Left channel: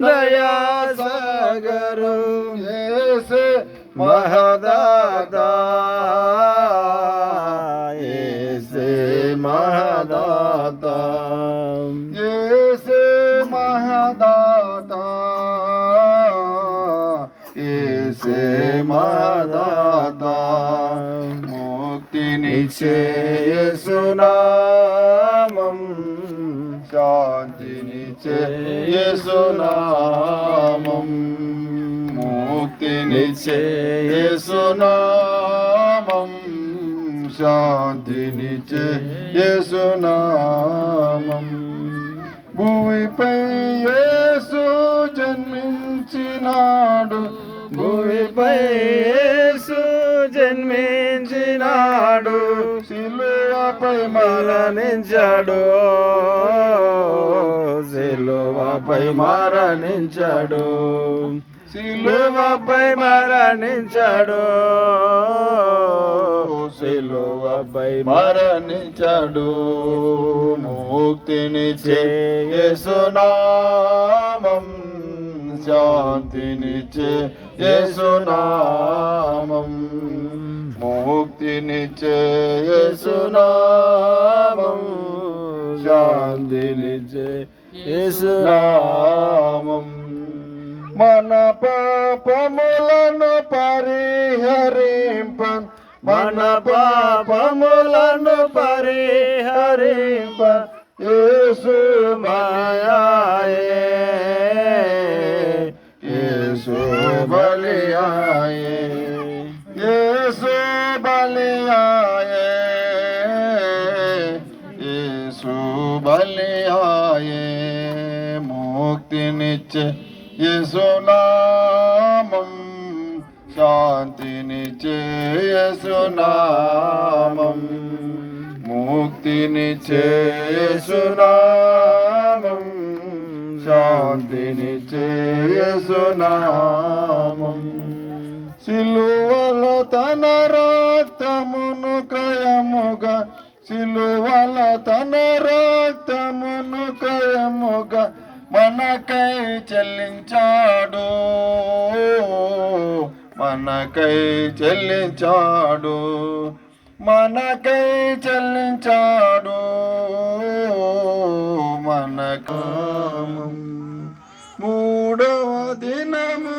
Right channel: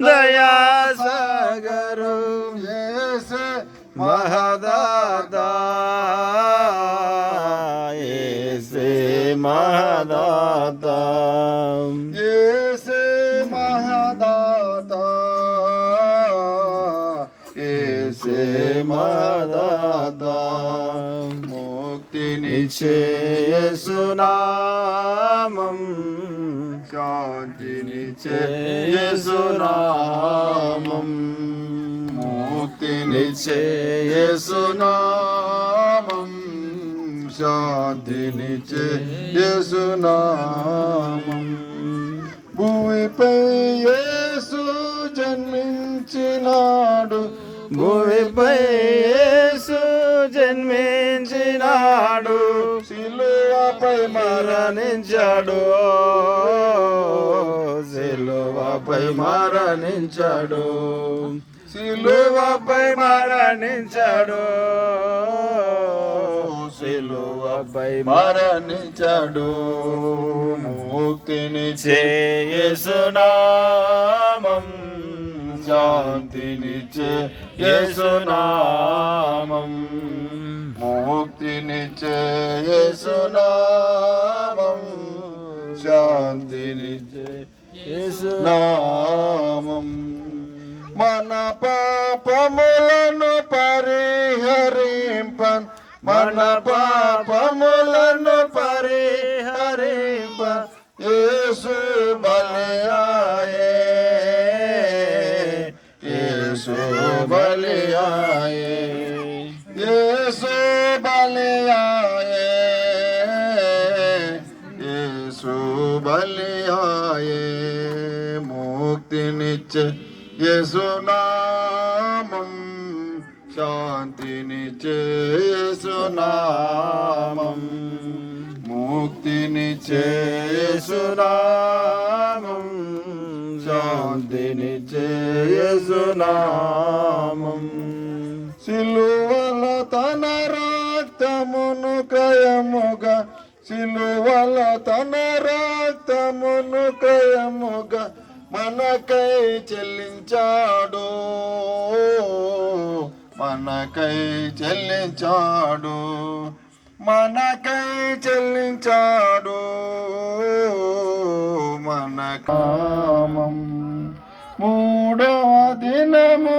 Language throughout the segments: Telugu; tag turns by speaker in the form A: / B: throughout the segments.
A: दया सगरु
B: जैसे
A: महदादा ऐसे महदादा
B: ऐसे महदादा ऐसे महदादा मोति
A: निश्चय सुनामम
B: శాంతినిచ్చే
A: యేసునామం
B: ముక్తినిచ్చే యేసునామం శాంతినిచ్చే యేసునామం భూమిపై యేసు జన్మించినాడు.
A: భూమిపై మరణించాడు సిలువపై మరణించాడు సిలువపై మరణించాడు సిలువపై
B: మరణించాడు ముక్తినిచ్చే
A: శాంతిని
B: శాంతినిచ్చే యేసునామం ముక్తినిచ్చే యేసునామం శాంతినిచ్చే
A: యేసునామం
B: నామం మన పాపములను పరిహరింపన్ మన పాపములను పరిహరింప యేసు బలియాయే బలియాయే ముక్తినిచ్చే యసునామం శాంతినిచ్చే యేసునామం ముక్తినిచ్చే యేసునామం శాంతినిచ్చే యేసునామం సిలువలో తన రక్తమును క్రయముగా సిలువల తన రక్తమును కయముగా మనకై చెల్లించాడు. మనకై చెల్లించాడు. మనకై చెల్లించాడు. మన కామం మూడవ దినము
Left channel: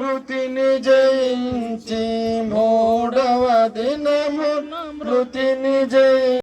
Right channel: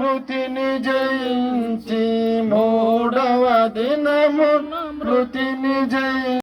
B: మృతిని జయించి మూడవ దినము మృతిని జయించి